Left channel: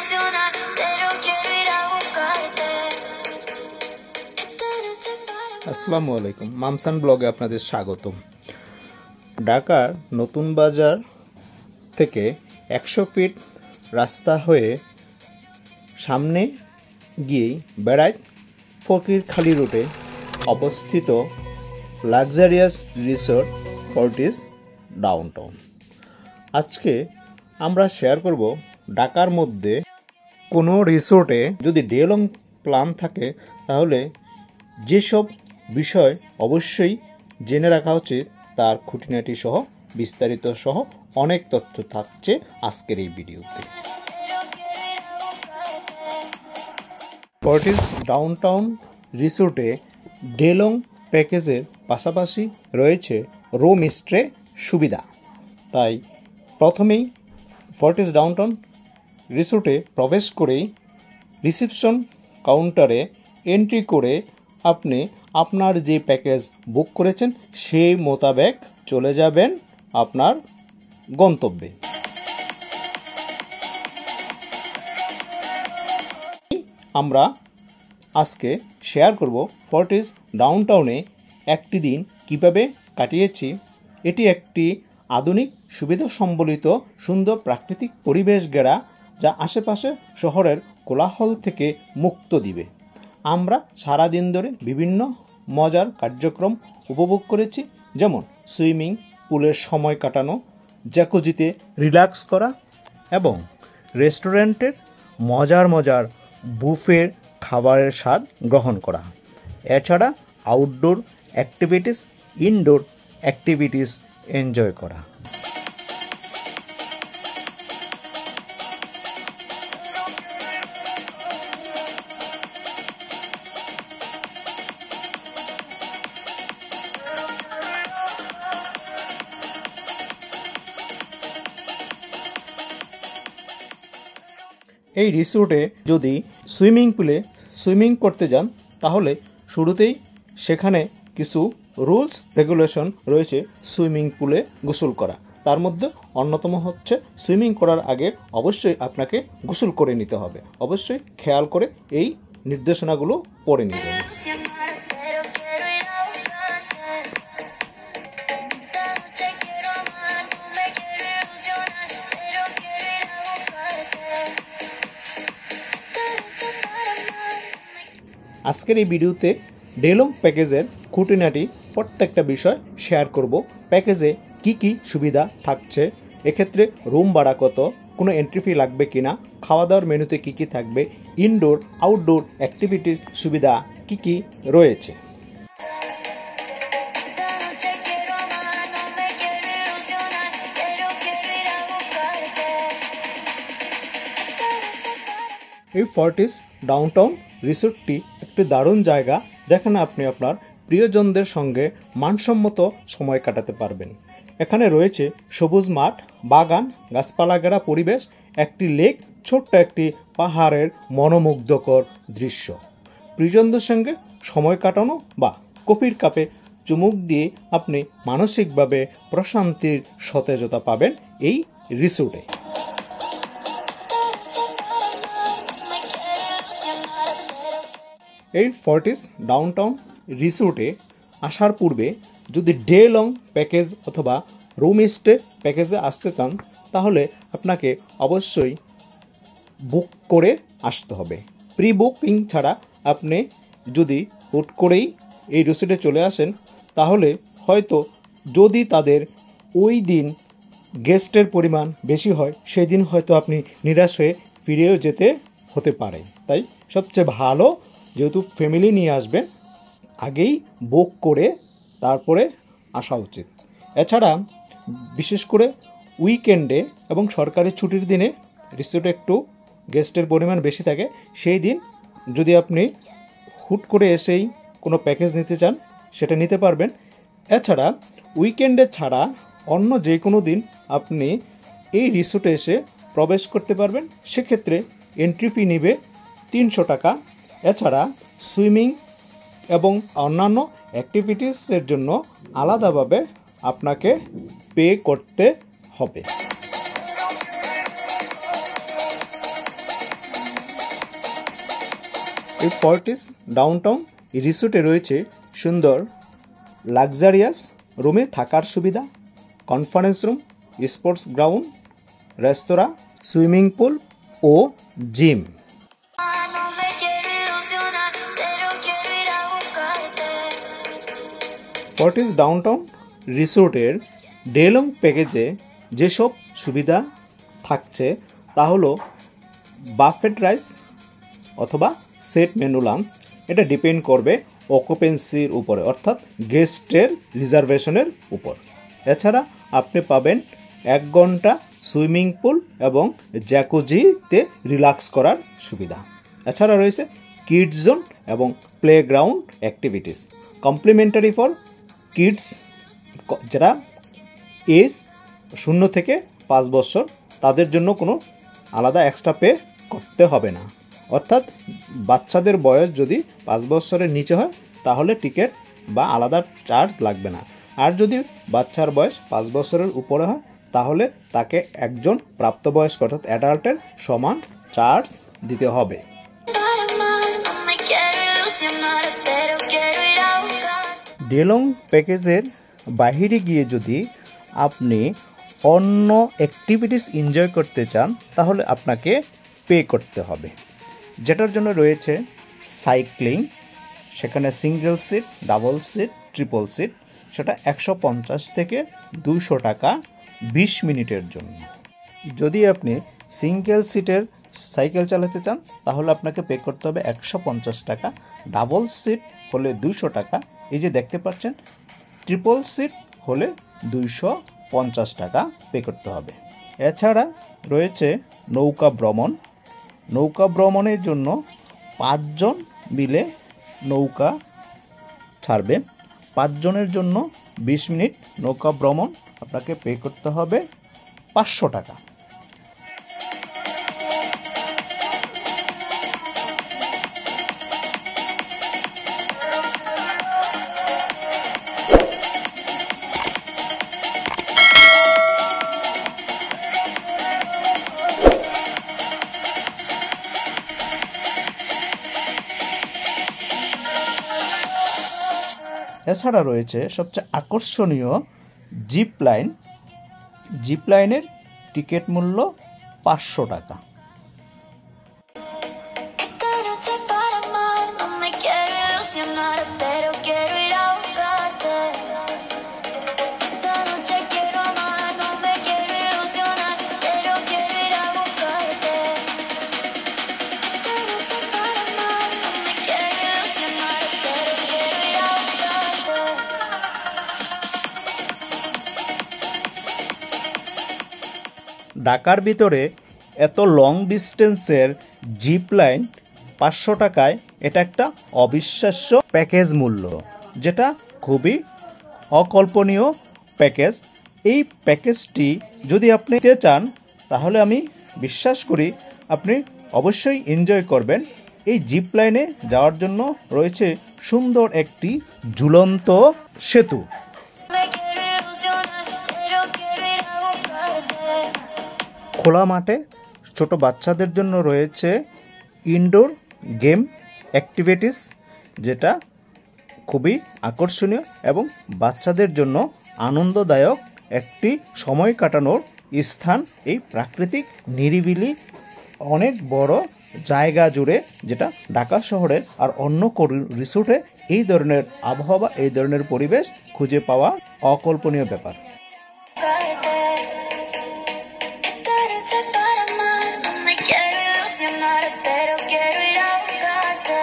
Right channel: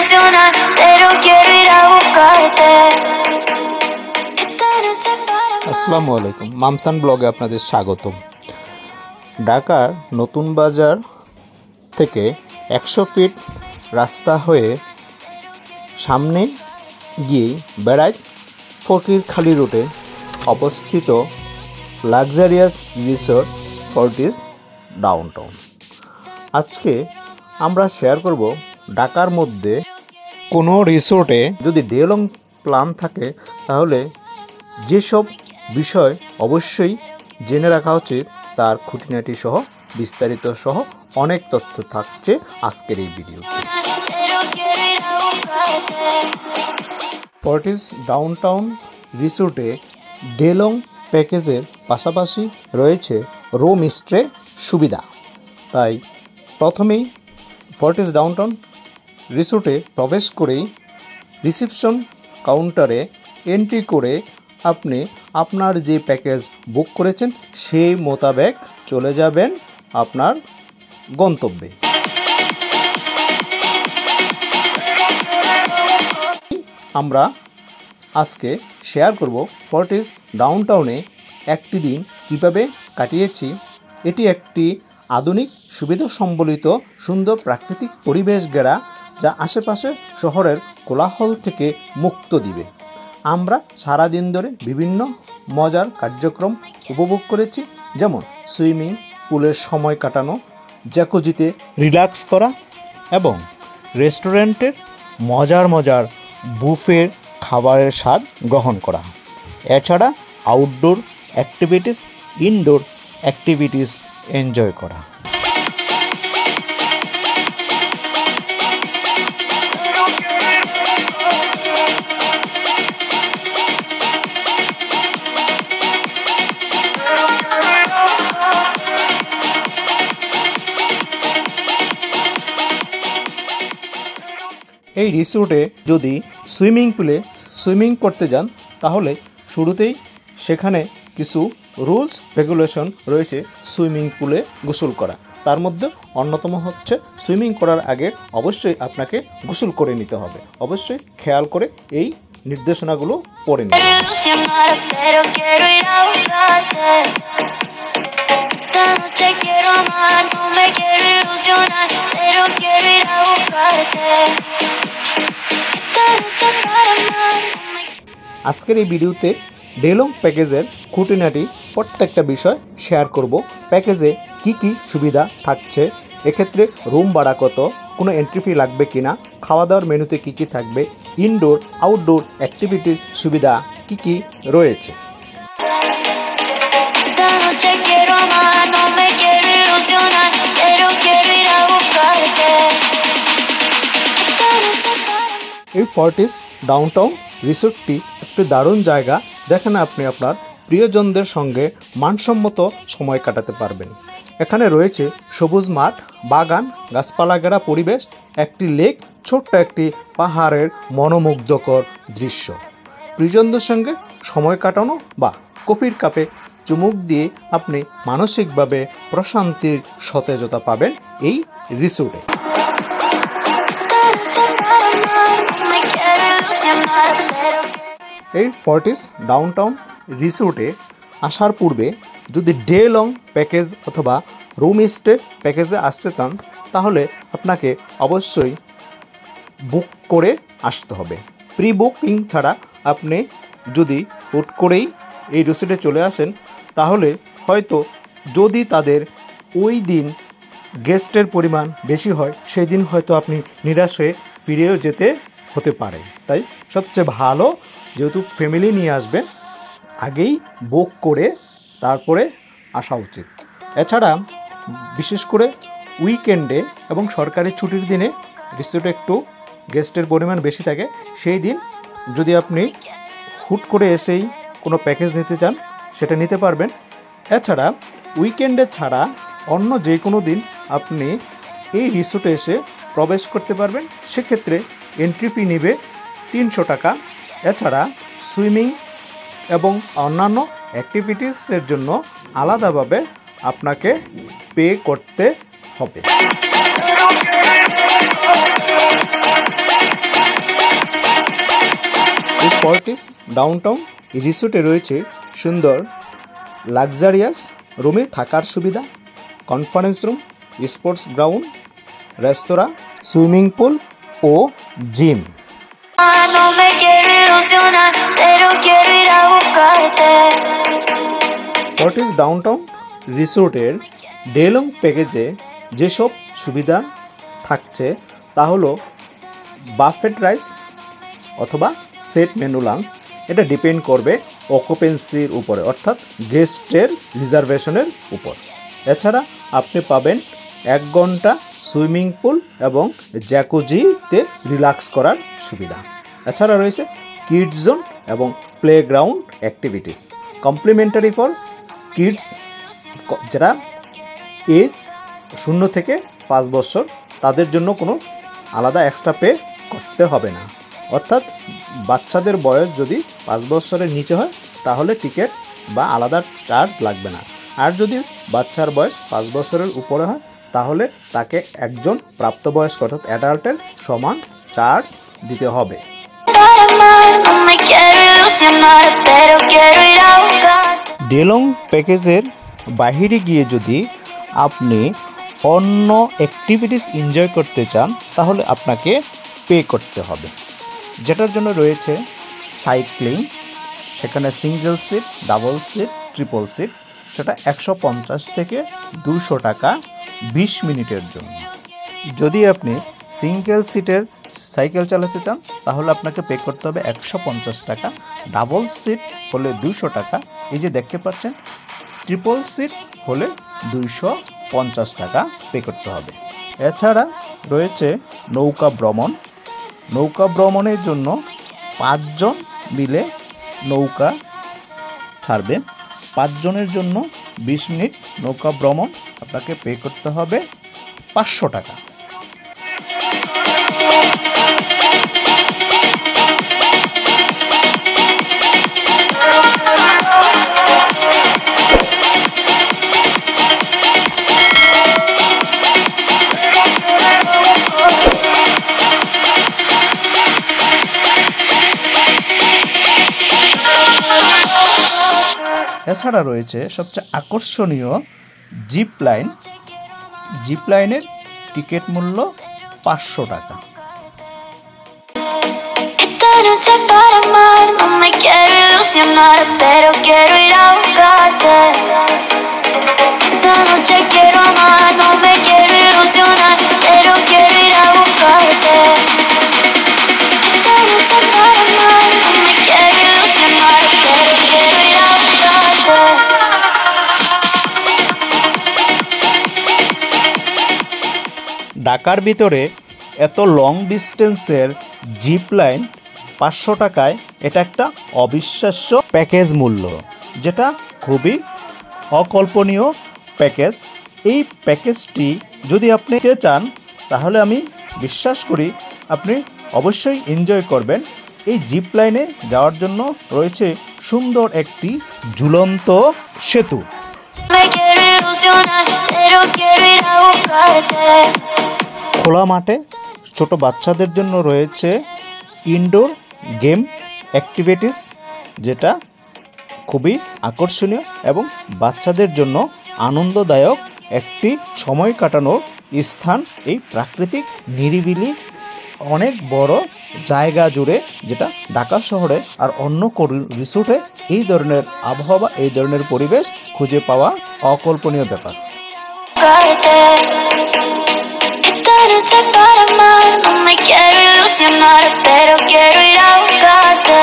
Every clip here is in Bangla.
ilusionar, pero quiero ir a buscarte. আসসালামু আলাইকুম, মামসান ব্লগে আপনাদের স্বাগতম। ঢাকার নতুন বাজার থেকে 100 ফিট রাস্তা হয়ে সামনে গিয়েই বেড়ায় ফকিরখালি রোডে অবস্থিত লাক্সারিয়াস রিসোর্ট ফর্টিস ডাউনটাউন। আজকে আমরা শেয়ার করব ঢাকার মধ্যে কোনো রিসোর্টে যদি ডে লং প্ল্যান থাকে তাহলে যেসব বিষয় অবশ্যই জেনে রাখা উচিত তার খুঁটিনাটি সহ বিস্তারিত সহ অনেক তথ্য থাকছে আজকের এই ভিডিওতে। ফর্টিস ডাউনটাউন রিসোর্টে ডে লং প্যাকেজের পাশাপাশি রয়েছে রুম স্টে সুবিধা। তাই প্রথমেই ফর্টিস ডাউনটাউন রিসোর্টে প্রবেশ করেই রিসেপশন কাউন্টারে এন্ট্রি করে আপনি আপনার যে প্যাকেজ বুক করেছেন সেই মোতাবেক চলে যাবেন আপনার গন্তব্যে। আমরা আজকে শেয়ার করব ফর্টিস ডাউনটাউনে একটি দিন কিভাবে কাটিয়েছি। এটি একটি আধুনিক সুবিধা সম্বলিত সুন্দর প্রাকৃতিক পরিবেশ ঘেরা, যা আশেপাশে শহরের কোলাহল থেকে মুক্ত দিবে। আমরা সারাদিন ধরে বিভিন্ন মজার কার্যক্রম উপভোগ করেছি, যেমন সুইমিং পুলের সময় কাটানো, জ্যাকুজিতে রিল্যাক্স করা এবং রেস্টুরেন্টের মজার বুফের খাবারের স্বাদ গ্রহণ করা। এছাড়া outdoor activities, indoor activities enjoy করা। এই রিসোর্টে যদি সুইমিং পুলে সুইমিং করতে যান তাহলে শুরুতেই সেখানে কিছু রুলস রেগুলেশন রয়েছে সুইমিং পুলে গোসল করা। তার মধ্যে অন্যতম হচ্ছে সুইমিং করার আগে অবশ্যই আপনাকে গোসল করে নিতে হবে। অবশ্যই খেয়াল করে এই নির্দেশনাগুলো পড়ে নিতে হবে। আজকের এই ভিডিওতে ডে লং প্যাকেজের খুঁটিনাটি প্রত্যেকটা বিষয় শেয়ার করব। প্যাকেজে কি কি সুবিধা থাকছে, এক্ষেত্রে রুম ভাড়া কত, কোনো এন্ট্রি ফি লাগবে কিনা, খাওয়া দাওয়ার মেনুতে কি কি থাকবে, ইনডোর আউটডোর অ্যাক্টিভিটির সুবিধা কি কি রয়েছে। এই ফর্টিস ডাউনটাউন রিসোর্টটি একটি দারুণ জায়গা, যেখানে আপনি আপনার প্রিয়জনদের সঙ্গে মানসম্মত সময় কাটাতে পারবেন। এখানে রয়েছে সবুজ মাঠ, বাগান, গাছপালা ঘেরা পরিবেশ, একটি লেক, ছোট্ট একটি পাহাড়ের মনোমুগ্ধকর দৃশ্য। প্রিয়জনদের সঙ্গে সময় কাটানো বা কফির কাপে চুমুক দিয়ে আপনি মানসিকভাবে প্রশান্তির সতেজতা পাবেন এই রিসোর্টে। এই ফর্টিস ডাউনটাউন রিসোর্টে আসার পূর্বে যদি ডে লং প্যাকেজ অথবা রুম স্টে প্যাকেজে আসতে চান তাহলে আপনাকে অবশ্যই বুক করে আসতে হবে। প্রি বুকিং ছাড়া আপনি যদি হুট করেই এই রিসোর্টে চলে আসেন তাহলে হয়তো যদি তাদের ওই দিন গেস্টের পরিমাণ বেশি হয় সেই দিন হয়তো আপনি নিরাশ হয়ে ফিরেও যেতে হতে পারে। তাই সবচেয়ে ভালো, যেহেতু ফ্যামিলি নিয়ে আসবেন, আগেই বুক করে তারপরে আসা উচিত। এছাড়া বিশেষ করে উইকেন্ডে এবং সরকারি ছুটির দিনে রিসোর্টে একটু গেস্টের পরিমাণ বেশি থাকে। সেই দিন যদি আপনি হুট করে এসেই কোনো প্যাকেজ নিতে চান সেটা নিতে পারবেন। এছাড়া উইকেন্ডে ছাড়া অন্য যে কোনো দিন আপনি এই রিসোর্টে এসে প্রবেশ করতে পারবেন। সেক্ষেত্রে এন্ট্রি ফি নেবে 300 টাকা। এছাড়া সুইমিং এবং অন্যান্য অ্যাক্টিভিটিসের জন্য আলাদাভাবে আপনাকে পে করতে হবে। এই ফর্টিস ডাউনটাউন রিসোর্টে রয়েছে সুন্দর লাক্সারিয়াস রুমে থাকার সুবিধা, কনফারেন্স রুম, স্পোর্টস গ্রাউন্ড, রেস্তোরাঁ, সুইমিং পুল ও gym. No me quiero ilusionar, pero quiero ir a buscarte. Fortis Downtown রিসোর্টের ডে লং প্যাকেজে যেসব সুবিধা থাকছে তা হলো বাফেট রাইস অথবা সেট মেনু লাঞ্চ। এটা ডিপেন্ড করবে অকুপেন্সির উপরে, অর্থাৎ গেস্টের রিজার্ভেশনের উপর। এছাড়া আপনি পাবেন 1 ঘন্টা সুইমিং পুল এবং জ্যাকুজিতে রিল্যাক্স করার সুবিধা। এছাড়া রয়েছে কিডস জোন এবং playground activities complimentary for kids, যারা এজ 0 থেকে 5 বছর, তাদের জন্য কোনো আলাদা এক্সট্রা পে করতে হবে না। অর্থাৎ বাচ্চাদের বয়স যদি 5 বছরের নিচে হয় তাহলে টিকিট বা আলাদা চার্জ লাগবে না। আর যদি বাচ্চার বয়স 5 বছরের উপরে হয় তাহলে তাকে একজন প্রাপ্তবয়স্ক অর্থাৎ অ্যাডাল্টের সমান চার্জ দিতে হবে। No me quiero ilusionar, pero quiero ir a buscarte. ডেলং প্যাকেজের বাহিরে গিয়ে যদি আপনি অন্য অ্যাক্টিভিটিস এনজয় করতে চান তাহলে আপনাকে পে করতে হবে, যেটার জন্য রয়েছে সাইক্লিং, সেখানে single seat, double seat, triple seat, সেটা 150 থেকে 200 টাকা 20 মিনিটের জন্য। যদি আপনি সিঙ্গেল সিটের সাইকেল চালাতে চান তাহলে আপনাকে পে করতে হবে 150 টাকা, ডাবল সিট হলে 200 টাকা, এই যে দেখতে পাচ্ছেন ট্রিপল সিট হলে 250 টাকা পে করতে হবে। এছাড়া রয়েছে নৌকা ভ্রমণ। নৌকা ভ্রমণের জন্য 5 জন মিলে নৌকা ছাড়বে। 5 জনের জন্য 20 মিনিট নৌকা ভ্রমণ, আপনাকে পে করতে হবে 500 টাকা। এছাড়া রয়েছে সবচেয়ে আকর্ষণীয় জিপ লাইন। জিপ লাইনের টিকিট মূল্য 500 টাকা। Esta noche para amar, no me quiero ilusionar, pero quiero ir a buscarte. Esta noche quiero amar, no me quiero ilusionar, pero quiero ir a buscarte. Esta noche para amar, no me quiero ilusionar, pero quiero ir a buscarte. ঢাকার ভিতরে এত লং ডিস্টেন্সের জিপ লাইন 500 টাকায়, এটা একটা অবিশ্বাস্য প্যাকেজ মূল্য, যেটা খুবই অকল্পনীয় প্যাকেজ। এই প্যাকেজটি যদি আপনি নিতে চান তাহলে আমি বিশ্বাস করি আপনি অবশ্যই এনজয় করবেন। এই জিপ লাইনে যাওয়ার জন্য রয়েছে সুন্দর একটি ঝুলন্ত সেতু। Me quiero ilusionar, pero quiero ir a buscarte. খোলা মাঠে ছোট বাচ্চাদের জন্য রয়েছে ইনডোর গেম অ্যাক্টিভিটিস, যেটা খুবই আকর্ষণীয় এবং বাচ্চাদের জন্য আনন্দদায়ক একটি সময় কাটানোর স্থান। এই প্রাকৃতিক নিরিবিলি অনেক বড় জায়গা জুড়ে, যেটা ঢাকা শহরে আর অন্য রিসোর্টে এই ধরনের আবহাওয়া, এই ধরনের পরিবেশ খুঁজে পাওয়া অকল্পনীয় ব্যাপার। Buscarte. Esta noche para amar, no me quiero ilusionar, pero quiero ir a buscarte.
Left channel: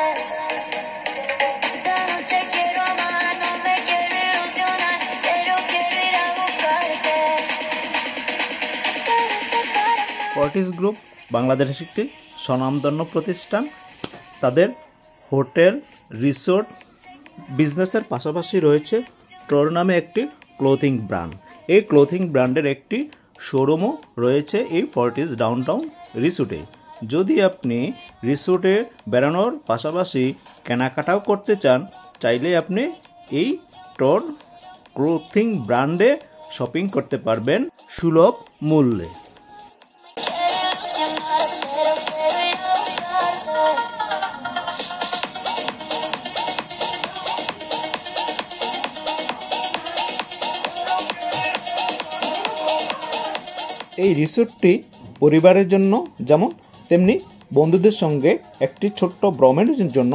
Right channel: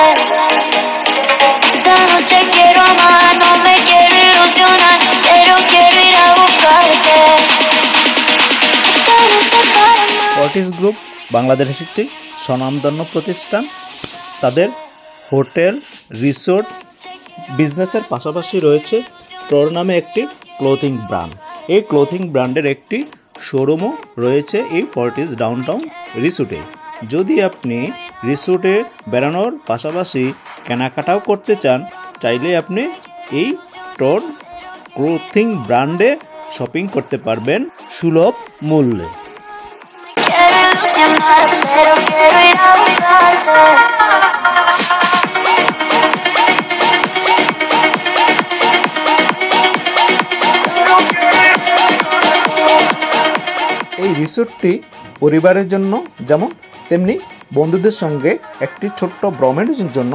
Esta noche quiero amar, no me quiero ilusionar, pero quiero ir a buscarte. Esta noche para amar. Fortis group বাংলাদেশের একটি স্বনামধন্য প্রতিষ্ঠান। তাদের হোটেল, রিসোর্ট বিজনেসের পাশাপাশি রয়েছে ট্রর নামে একটি ক্লোথিং ব্র্যান্ড। এই ক্লোথিং ব্র্যান্ডের একটি শোরুমও রয়েছে এই ফর্টিস ডাউনটাউন রিসোর্টে। যদি আপনি রিসোর্টে বেড়ানোর পাশাপাশি কেনাকাটাও করতে চান, চাইলে আপনি এই ট্রর ক্লোথিং ব্র্যান্ডে শপিং করতে পারবেন সুলভ মূল্যে। Quiero ilusionar, pero quiero ir a buscarte. এই রিসোর্টটি পরিবারের জন্য যেমন তেমনি বন্ধুদের সঙ্গে একটি ছোট্ট ভ্রমণের জন্য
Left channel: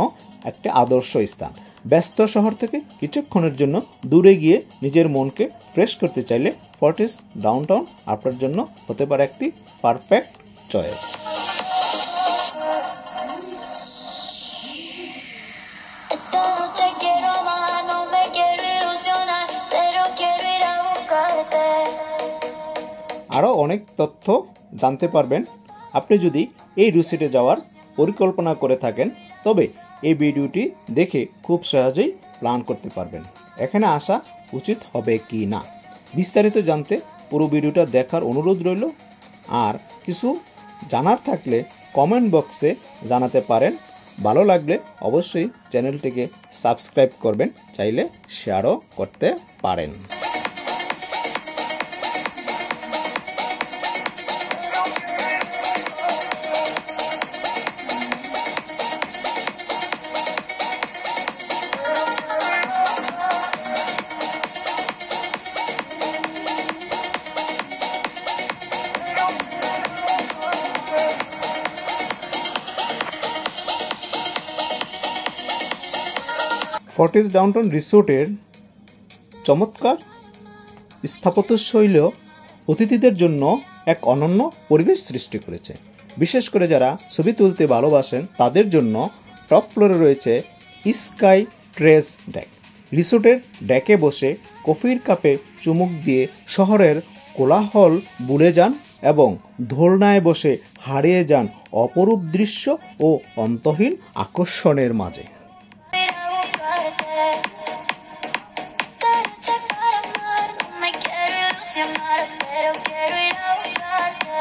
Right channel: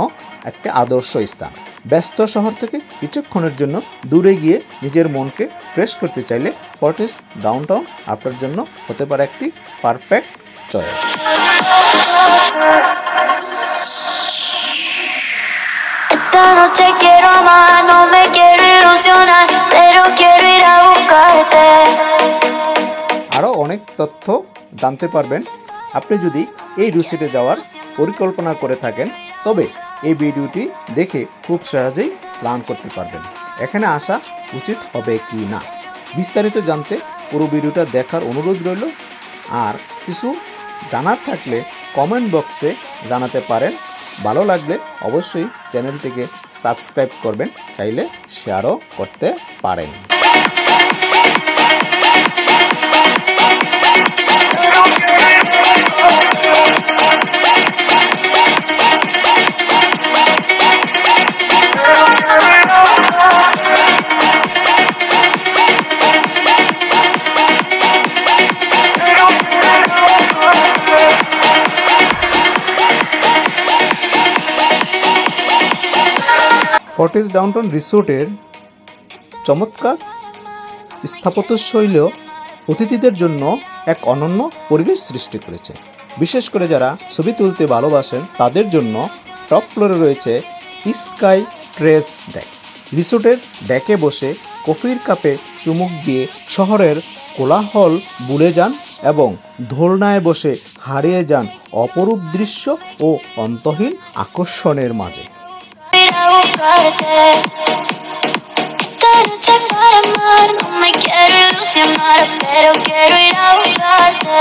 একটি আদর্শ স্থান। ব্যস্ত শহর থেকে কিছুক্ষণের জন্য দূরে গিয়ে নিজের মনকে ফ্রেশ করতে চাইলে ফর্টিস ডাউনটাউন আপনার জন্য হতে পারে একটি perfect choice. Esta noche quiero amar, no me quiero ilusionar, pero quiero ir a buscarte. আরও অনেক তথ্য জানতে পারবেন। আপনি যদি এই রিসোর্টে যাওয়ার পরিকল্পনা করে থাকেন তবে এই ভিডিওটি দেখে খুব সহজেই প্ল্যান করতে পারবেন এখানে আসা উচিত হবে কি না। বিস্তারিত জানতে পুরো ভিডিওটা দেখার অনুরোধ রইল। আর কিছু জানার থাকলে কমেন্ট বক্সে জানাতে পারেন। ভালো লাগলে অবশ্যই চ্যানেলটিকে সাবস্ক্রাইব করবেন, চাইলে শেয়ারও করতে পারেন। ফর্টিস ডাউনটাউন রিসোর্টের চমৎকার স্থাপত্যশৈলী অতিথিদের জন্য এক অনন্য পরিবেশ সৃষ্টি করেছে। বিশেষ করে যারা ছবি তুলতে ভালোবাসেন তাদের জন্য টপ ফ্লোরে রয়েছে স্কাই ট্রেস ডেক। রিসোর্টের ডেকে বসে কফির কাপে চুমুক দিয়ে শহরের কোলাহল ভুলে যান এবং দোলনায় বসে হারিয়ে যান অপরূপ দৃশ্য ও অন্তহীন আকর্ষণের মাঝে। Esta noche para amar, no me quiero ilusionar, pero quiero ir a buscarte.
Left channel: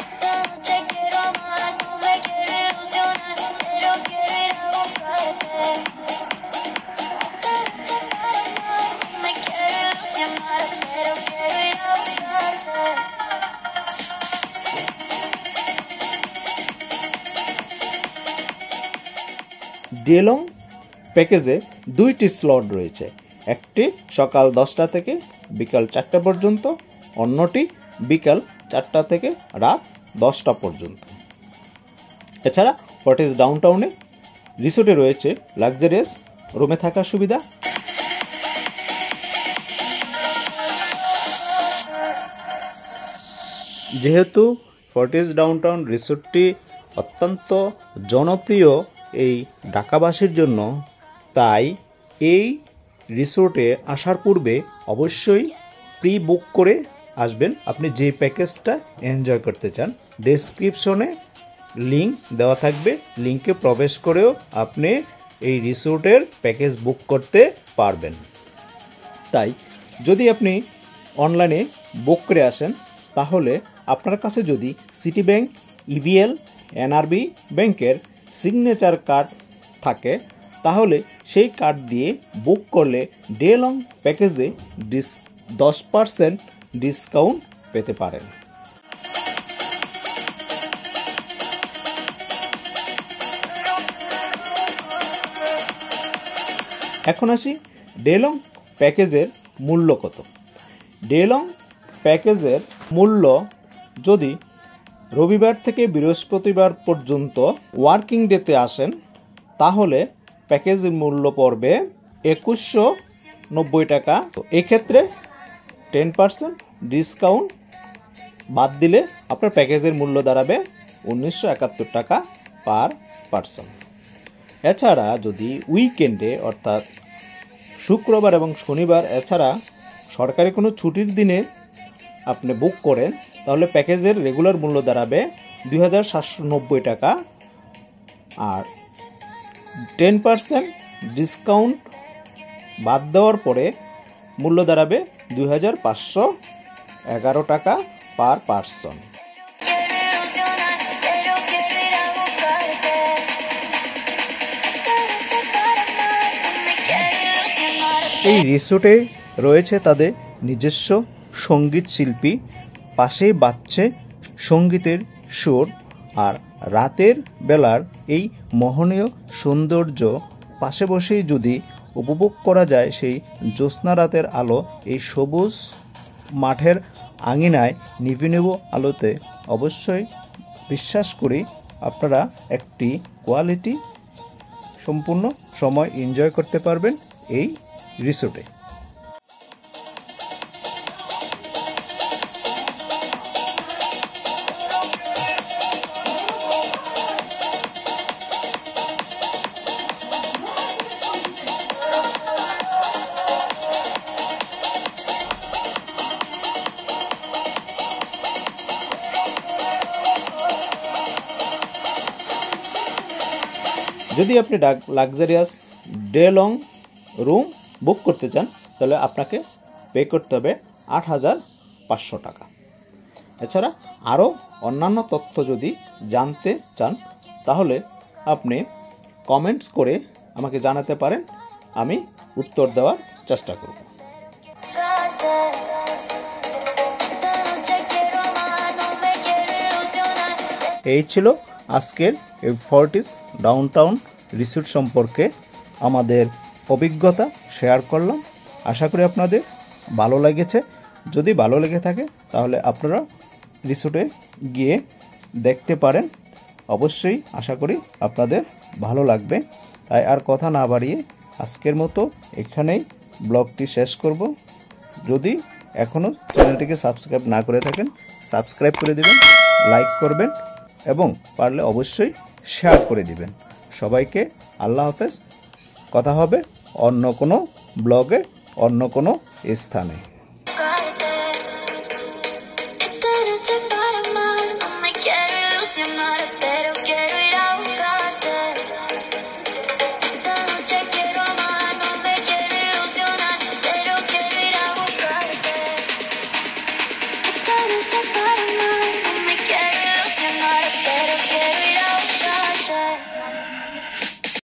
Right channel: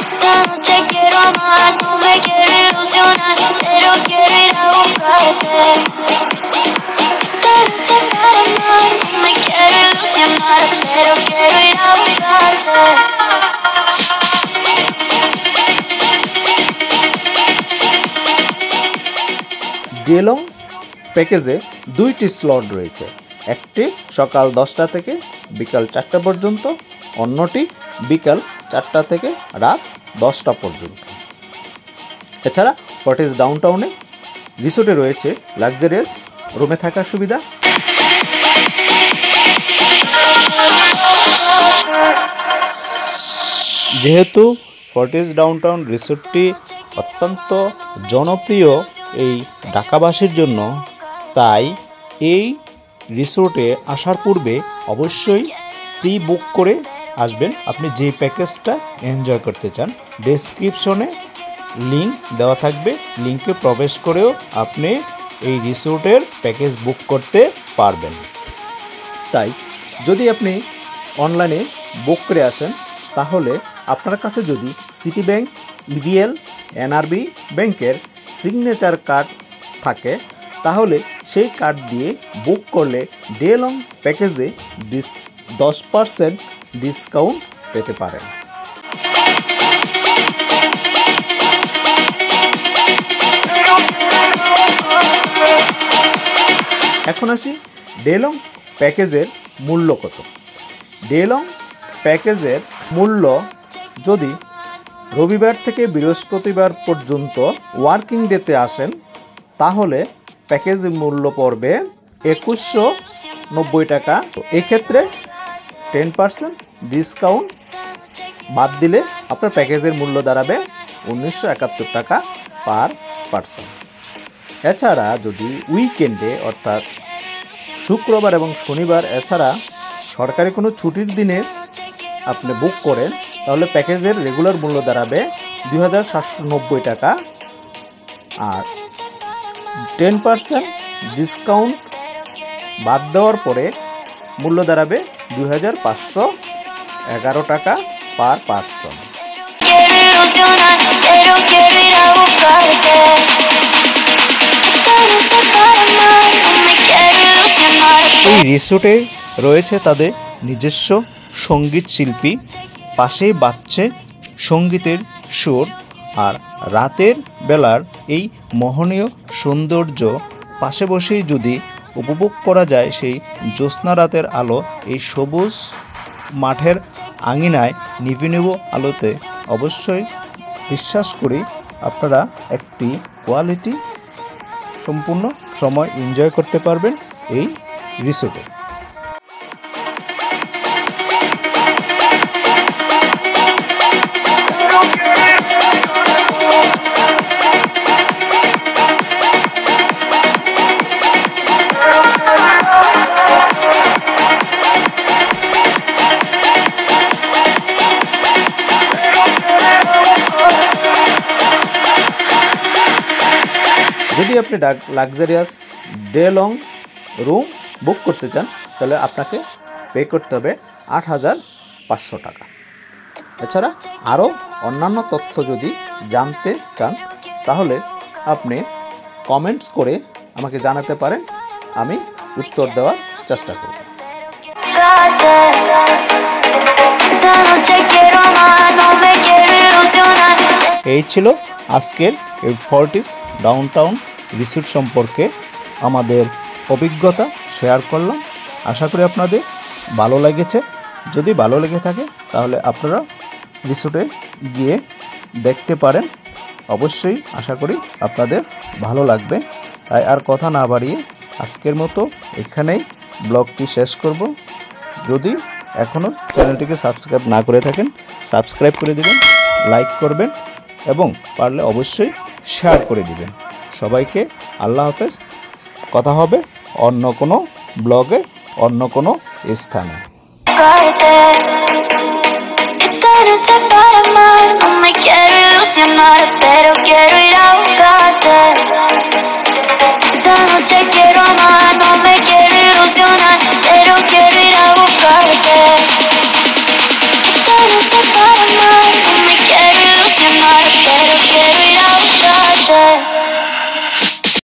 Esta noche quiero amar, no me quiero ilusionar, pero quiero ir a buscarte. Esta noche para amar, no me quiero ilusionar, pero quiero ir a buscarte. ডেলং প্যাকেজে দুইটি স্লট রয়েছে, একটি সকাল 10টা থেকে বিকাল 4টা পর্যন্ত, অন্যটি বিকাল 4টা থেকে রাত 10টা পর্যন্ত। এছাড়া ফর্টিস ডাউনটাউনে রিসোর্টে রয়েছে লাক্সারিয়াস রুমে থাকার সুবিধা। যেহেতু ফর্টিস ডাউনটাউন রিসোর্টটি অত্যন্ত জনপ্রিয় এই ঢাকাবাসীর জন্য, তাই এই রিসোর্টে আসার পূর্বে অবশ্যই প্রি বুক করে আসবেন আপনি যে প্যাকেজটা এনজয় করতে চান। ডেসক্রিপশনে লিঙ্ক দেওয়া থাকবে, লিঙ্কে প্রবেশ করেও আপনি এই রিসোর্টের প্যাকেজ বুক করতে পারবেন। তাই যদি আপনি অনলাইনে বুক করে আসেন তাহলে আপনার কাছে যদি সিটি ব্যাংক, ইভিএল, এনআরবি ব্যাংকের সিগনেচার কার্ড থাকে তাহলে সেই কার্ড দিয়ে বুক করলে ডে লং প্যাকেজে 10% ডিসকাউন্ট পেতে পারেন। এখন আসি ডে লং প্যাকেজের মূল্য কত। ডে লং প্যাকেজের মূল্য যদি রবিবার থেকে বৃহস্পতিবার পর্যন্ত ওয়ার্কিং ডেতে আসেন তাহলে প্যাকেজের মূল্য পড়বে 2190 টাকা। তো এক্ষেত্রে 10% ডিসকাউন্ট বাদ দিলে আপনার প্যাকেজের মূল্য দাঁড়াবে 1971 টাকা পার পারসন। এছাড়া যদি উইকেন্ডে অর্থাৎ শুক্রবার এবং শনিবার এছাড়া সরকারি কোনো ছুটির দিনে আপনি বুক করেন তাহলে প্যাকেজের রেগুলার মূল্য দাঁড়াবে 2790 টাকা আর 10% ডিসকাউন্ট বাদ দেওয়ার পরে মূল্য দাঁড়াবে 2511 টাকা পার পারসন। এই রিসোর্টে রয়েছে তাদের নিজস্ব সঙ্গীত শিল্পী, পাশেই বাজছে সঙ্গীতের সুর, আর রাতের বেলার এই মোহনীয় সৌন্দর্য পাশে বসেই যদি উপভোগ করা যায় সেই জ্যোৎস্না রাতের আলো এই সবুজ মাঠের আঙিনায় নিভে নেব আলোতে অবশ্যই বিশ্বাস করি আপনারা একটি কোয়ালিটি সম্পূর্ণ সময় এনজয় করতে পারবেন এই রিসোর্টে। যদি আপনি luxurious day long room book করতে চান তাহলে আপনাকে পে করতে হবে ৮,৫০০ টাকা। এছাড়া আরও অন্যান্য তথ্য যদি জানতে চান তাহলে আপনি কমেন্টস করে আমাকে জানাতে পারেন, আমি উত্তর দেওয়ার চেষ্টা করব। এই ছিল আজকের এই ফর্টিস ডাউনটাউন রিসোর্ট সম্পর্কে আমাদের অভিজ্ঞতা শেয়ার করলাম। আশা করি আপনাদের ভালো লেগেছে। যদি ভালো লেগে থাকে তাহলে আপনারা রিসোর্টে গিয়ে দেখতে পারেন। অবশ্যই আশা করি আপনাদের ভালো লাগবে। তাই আর কথা না বাড়িয়ে আজকের মতো এখানেই ব্লগটি শেষ করব। যদি এখনও চ্যানেলটিকে সাবস্ক্রাইব না করে থাকেন সাবস্ক্রাইব করে দেবেন, লাইক করবেন এবং পারলে অবশ্যই শেয়ার করে দিবেন। সবাইকে আল্লাহ হাফেজ। কথা হবে অন্য কোনো ব্লগে অন্য কোনো স্থানে।